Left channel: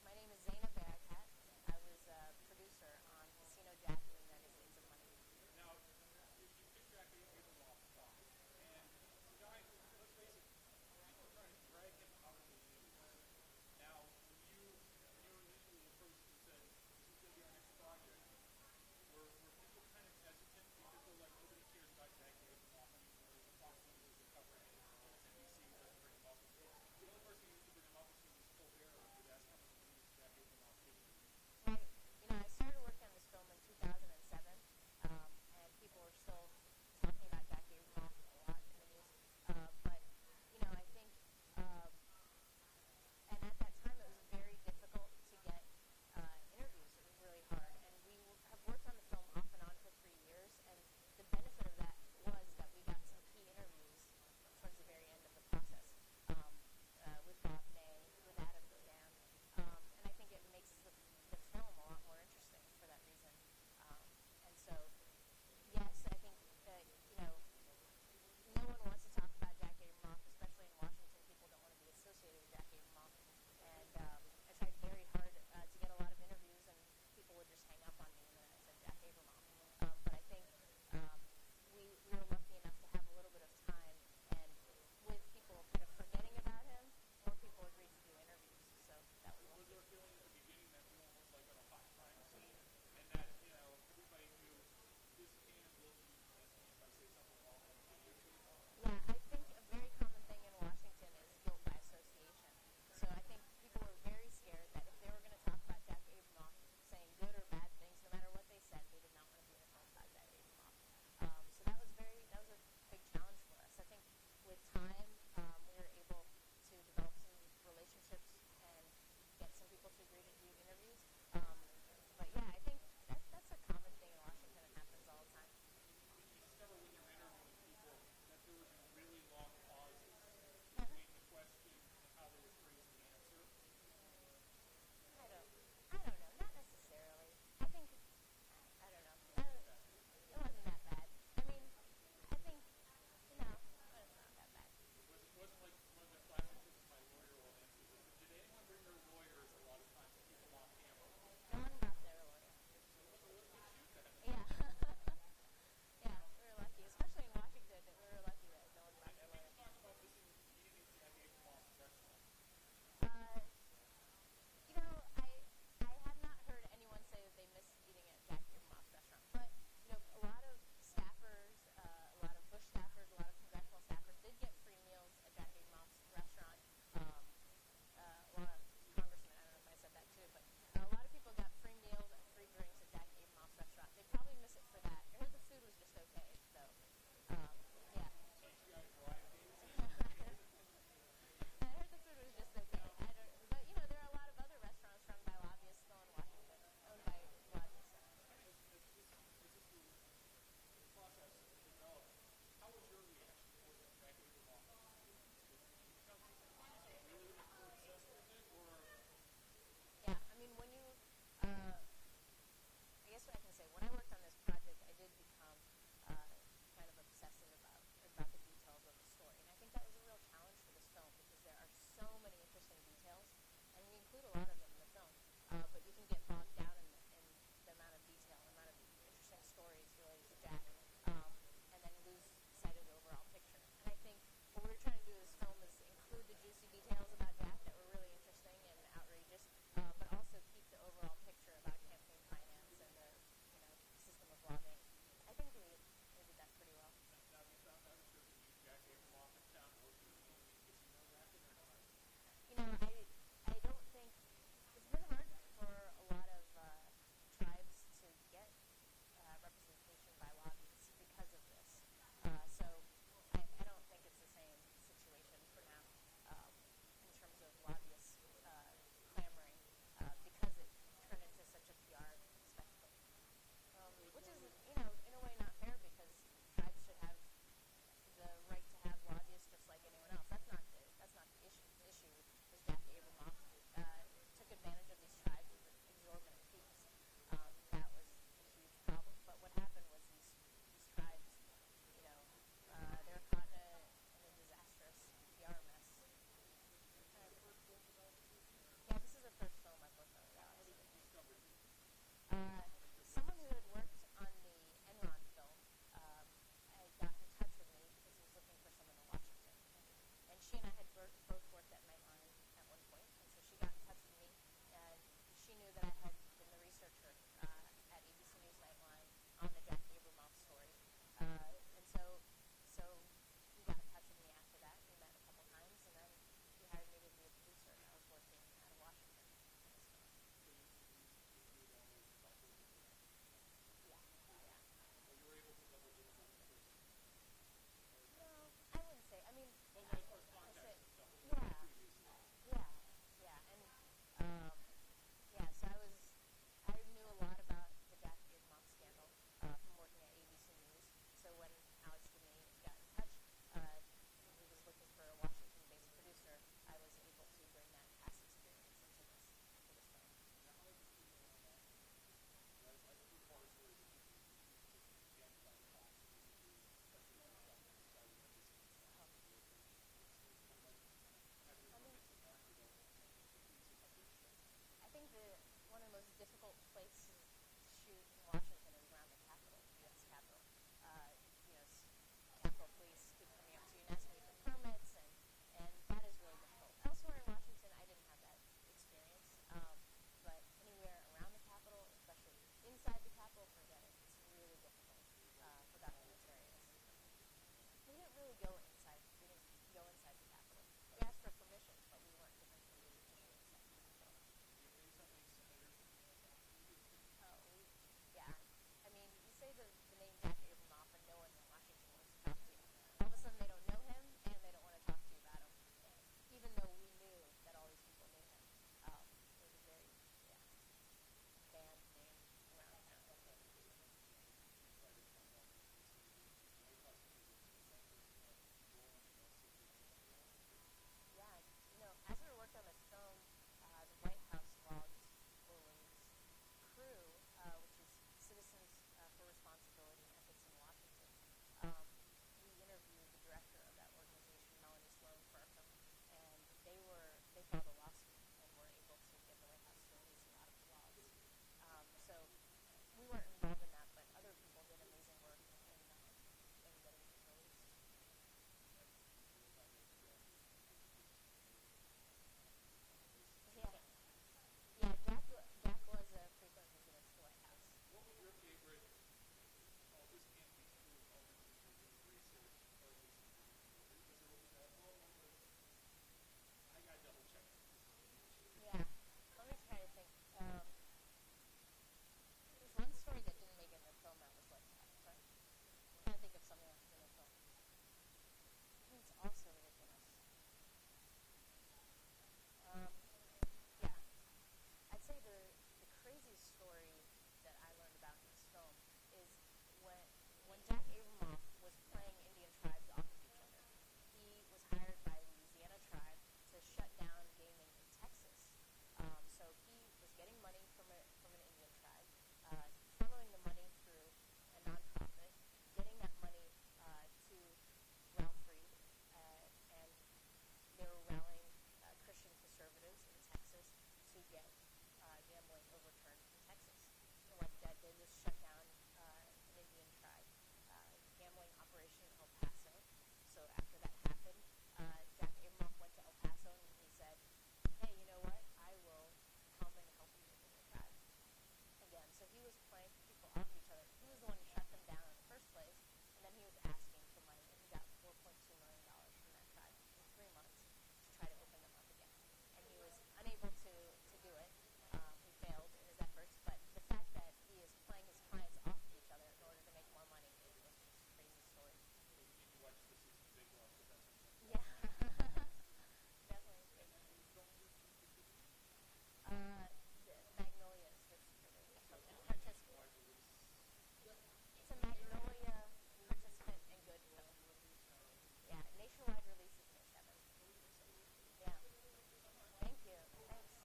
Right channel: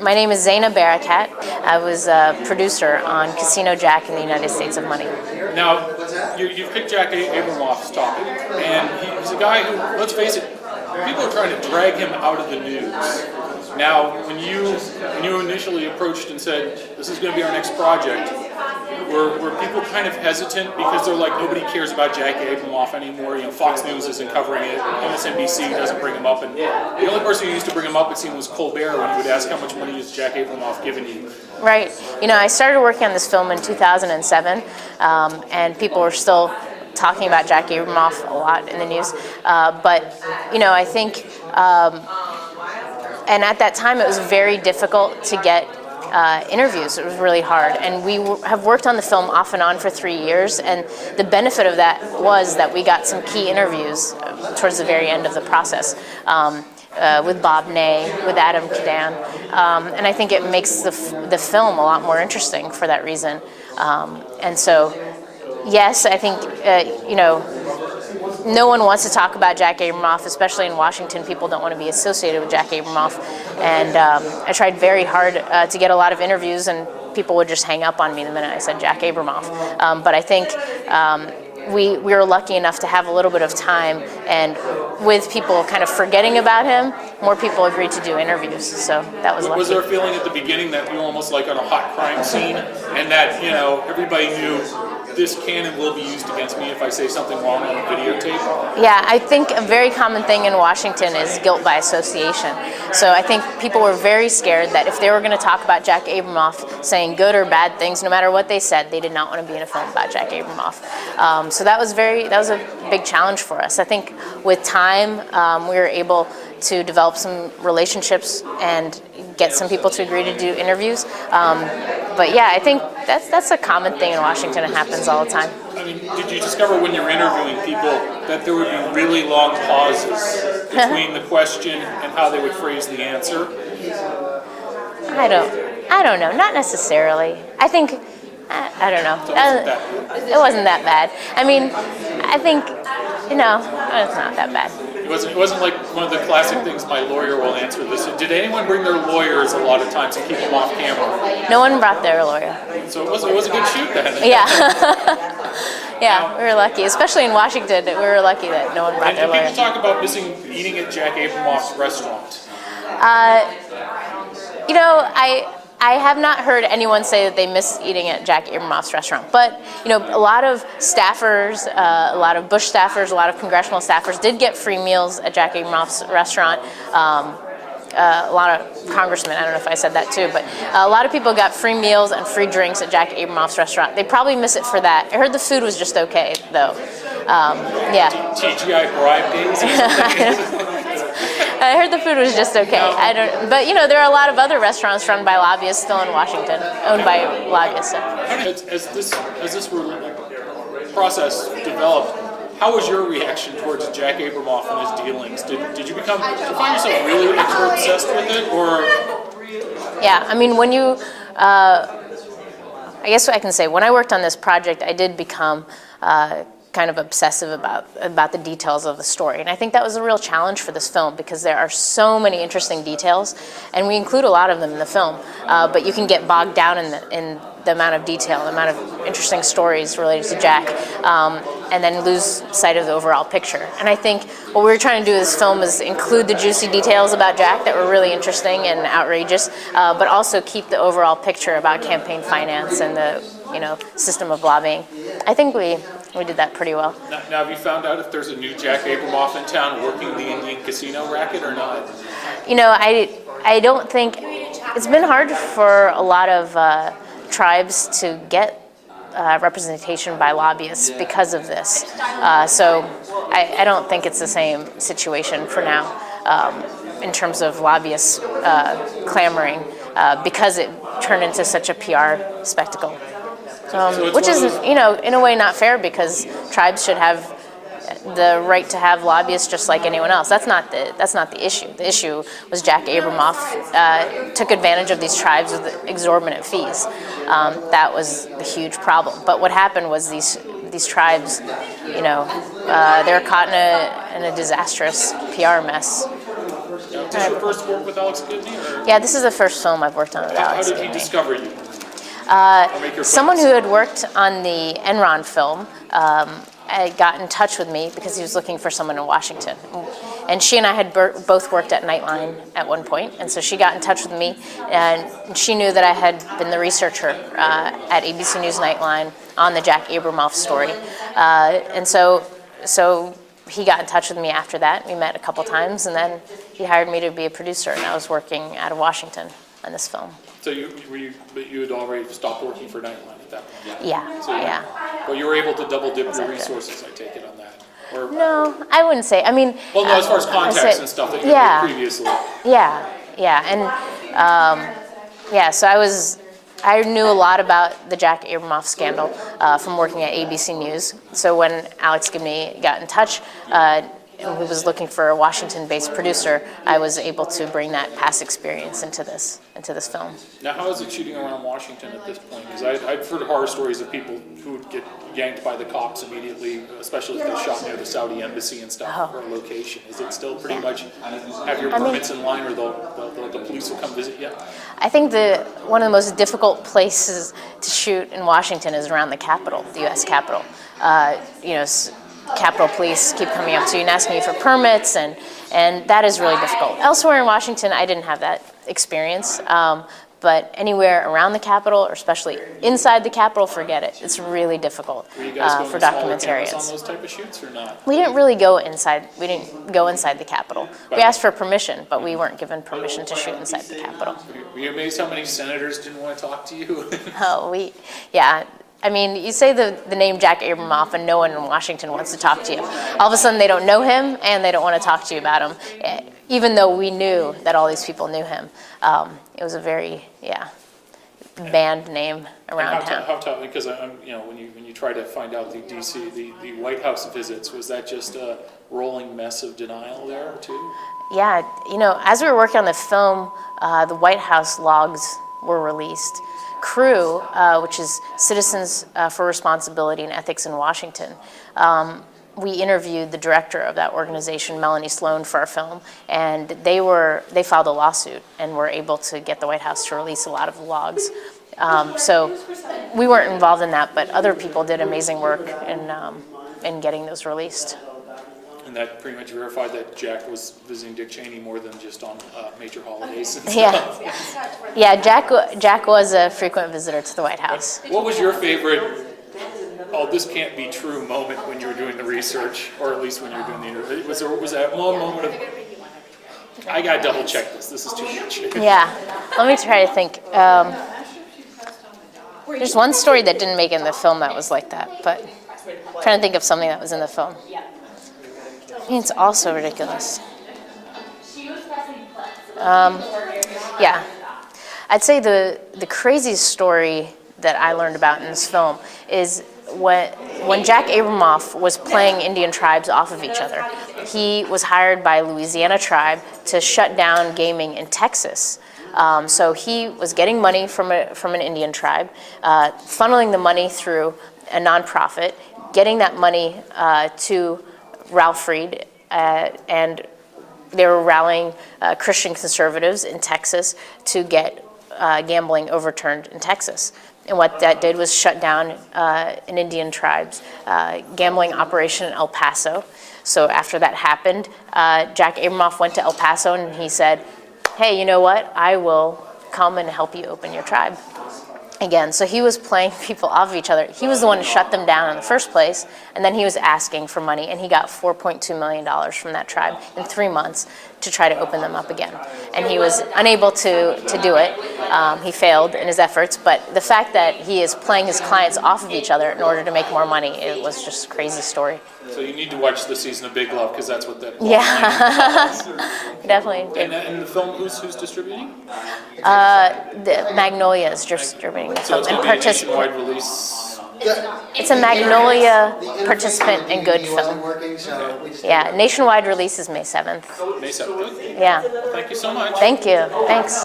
My name is Zena Barakat. I was a producer on Casino Jack in the United States of Money. Now, you picked Jack Abramoff's topic, and he's a guy who, let's face it, people are trying to drag him out of the news. Now, when you initially approached and said, this is going to be our next project, were people kind of hesitant because they're like, nobody cares about Jack Abramoff anymore, Fox News isn't covering it, MSNBC doesn't bring him up, and the only person who used to bring him up, it seemed, was Colbert when he would ask how much money has Jack Abramoff given you. Right. I started working on this film in 2007, and people were still talking about Jack Abramoff a lot in the news, but I think, and at that time it was very difficult to get interviews. It was really hard, and we have worked on the film off and on for 3 years, and the benefit of that was that we got some key interviews towards the very end of the process with Bob Ney, with Adam Cadan, and I think it makes the film a lot more interesting for that reason. And so, yes, I think no one wants to talk about Jack Abramoff, especially in Washington. People don't want to be associated with Jack Abramoff. And I tried very hard to get a lot of interviews, and people would just hang up on me the minute I said Jack Abramoff. But I think we were lucky enough to have a little bit of time, and with people kind of forgetting about him, more people agreed to do interviews. So that was lucky. Was there a feeling at the beginning that you were almost like on a hot crime scene, and that everybody knew this can and will be used against me if I say something wrong on a videotape? Yeah, I think a very common thing in Washington is guilt by association. So I think people were very scared that if they were going to talk about Jack Abramoff saying good or bad things, no matter what they said, they did not want to be in a film about Jack Abramoff. So that was a big challenge for us. I think with time, we were able to develop some relationships and get some people to agree to do interviews. But yeah, I think that's a common thing in Washington. It happens all the time. I mean, did you discover when you're interviewing people that there would be really long pauses between the question and how they would phrase the answer? I don't know. Not necessarily. I think, I don't know. It wasn't that bad. I mean, I think, it's not that bad. It wasn't like one of the classic things, my lawyer will answer this. Did anyone bring their lawyers a lot of times to keep them off camera? No one brought their lawyer. So it was a good shoot then. Yeah. Yeah, we were lucky. Especially in Washington, we were lucky that no one brought their lawyer. And people talk about eating at Jack Abramoff's restaurant. I have not heard anyone say that they miss eating at Jack Abramoff's restaurant. But, a lot of staffers, a lot of Bush staffers, a lot of congressional staffers did get free meals at Jack Abramoff's restaurant. A lot of congressmen, I don't know if I said that too, but a lot of people got free meals and free drinks at Jack Abramoff's restaurant. They probably miss it for that. I heard the food was just okay, though. Yeah. TGI bribe days? I heard the food was just okay. But there are a lot of other restaurants run by lobbyists still in Washington, owned by lobbyists. As this process developed, how was your reaction towards Jack Abramoff and his dealings? Did you find yourself really obsessed with it, or? Yeah, I mean, I guess what I can say, when I worked on this project, I did become kind of obsessive about the details of the story. And I think that was a real challenge for this film because there are so many interesting details, and we include a lot of them in the film, but you can get bogged down in the amount of detail, the amount of interesting stories related to Jack, and then lose sight of the overall picture. And I think what we were trying to do with this film is include the juicy details about Jack that were really interesting and outrageous, but also keep the overall picture about campaign finance and the system of lobbying. I think we did that pretty well. Now, have you found out if there's a new Jack Abramoff in town working the Indian casino racket or not? I don't think, it's been hard for a lot of tribes to get representation by lobbyists because of this. So I don't think it's the same situation for now in terms of lobbyists clamoring because it turned into such a PR spectacle. Which is, in a way not fair because tribes should have the right to have lobbyists just like anyone else. That's not the issue. The issue was Jack Abramoff took advantage of these tribes with exorbitant fees. That was the huge problem. But what happened was these tribes, they're caught in a disastrous PR mess. Now, this is your first work with Alex Gibney? Or Yeah, this is the first film I've worked on with how Alex did he Gibney. discover you? Someone who had worked on the Enron film got in touch with me because he was looking for someone in Washington. And she and I had both worked at Nightline at one point, and so she got in touch with me, and she knew that I had been the researcher at ABC News Nightline on the Jack Abramoff story. And so he got in touch with me after that. We met a couple times, and then he hired me to be a producer, and I was working out of Washington on this film. So you had already stopped working for Nightline at that point? Yeah, yeah. Well, you were able to double dip your resources, I take it, on that? Or, No, I wouldn't say. I mean, well, no, as far as contacts and stuff that you did previously. Yeah, and so I knew a lot about the Jack Abramoff scandal from working at ABC News. So when Alex Gibney got in touch, who was looking for a Washington-based producer, I was able to bring that past experience into this film. Now, how is it shooting around Washington at this point? Because I've heard horror stories of people who would get yanked by the cops immediately, especially if they shot near the Saudi embassy and stuff for a location. Is it still pretty much have your permits in line, or the police will come visit you? I think one of the most difficult places to shoot in Washington is around the Capitol, the U.S. Capitol. Capitol Police keep coming up to you and asking you for permits, and that is really difficult. Elsewhere in Washington, I didn't have that experience, but anywhere around the Capitol, or especially inside the Capitol, forget it. It's really difficult Were you guys going for to smaller documentarians. cameras on those type of shoots or not? We didn't really go inside. We didn't go inside the Capitol. We asked for permission, but we weren't given permission to shoot inside the Capitol. Were you amazed how many senators didn't want to talk to you? Yeah. I mean, you say the name Jack Abramoff and no one in Washington wants to talk to you. All of a sudden they don't know him and they don't want to talk to you about him, even though we knew that all these people knew him. It was a very, banned name around town. How tough? Because when you try to find out the DC, the White House visits, was that just a rolling mess of denial there too? Yeah, as we were working on the film, the White House logs were released. CREW, which is Citizens for Responsibility and Ethics in Washington, we interviewed the director of that organization, Melanie Sloan, for our film, and they filed a lawsuit and were able to get the White House to release a lot of the logs. So we weren't involved in that, but other people did amazing work in getting those released. And that pretty much verified that Jack was visiting Dick Cheney more than just on major holidays and stuff. Yeah. Jack was a frequent visitor to the White House. What was your favorite, this can't be true moment when you were doing the research, or at least when you were doing the interview? Was that one moment of, I gotta double check this is too much? Yeah, let me try to think. There's one story that didn't make it in the film that was like that, but I'm trying to think of something that was in the film. I mean, it's also ridiculous. I'd say the craziest story that I learned about in this film is when Jack Abramoff was playing Indian tribes off of each other. He was hired by Louisiana tribe to shut down gaming in Texas. So he was getting money from an Indian tribe, funneling the money through a nonprofit, getting that money to Ralph Reed, and they were rallying Christian conservatives in Texas to get gambling overturned in Texas. And what that did was shut down an Indian tribe's gambling operation in El Paso. So after that happened, Jack Abramoff went to El Paso and he said, hey, you know what? I will come and help you open your tribe again. So he was playing people off of each other. He was the one who shut them down in the first place, and then he was asking for money, and he got $4.2 million from that tribe in 3 months to try to open them up again. And he was unable to do it. He failed in his efforts, but the fact that he is playing his clients off of each other in order to make more money, it was just a crazy story. So you need to watch the season of Big Love, because that's what that. Definitely. And the film, who's distributing? The Magnolia is distributing the So film. it's going to be a nationwide release. It's a Magnolia participant and good film. Yeah, nationwide release is May 7th. May 7th. Yeah. Thank you so much. Thank you. Thanks.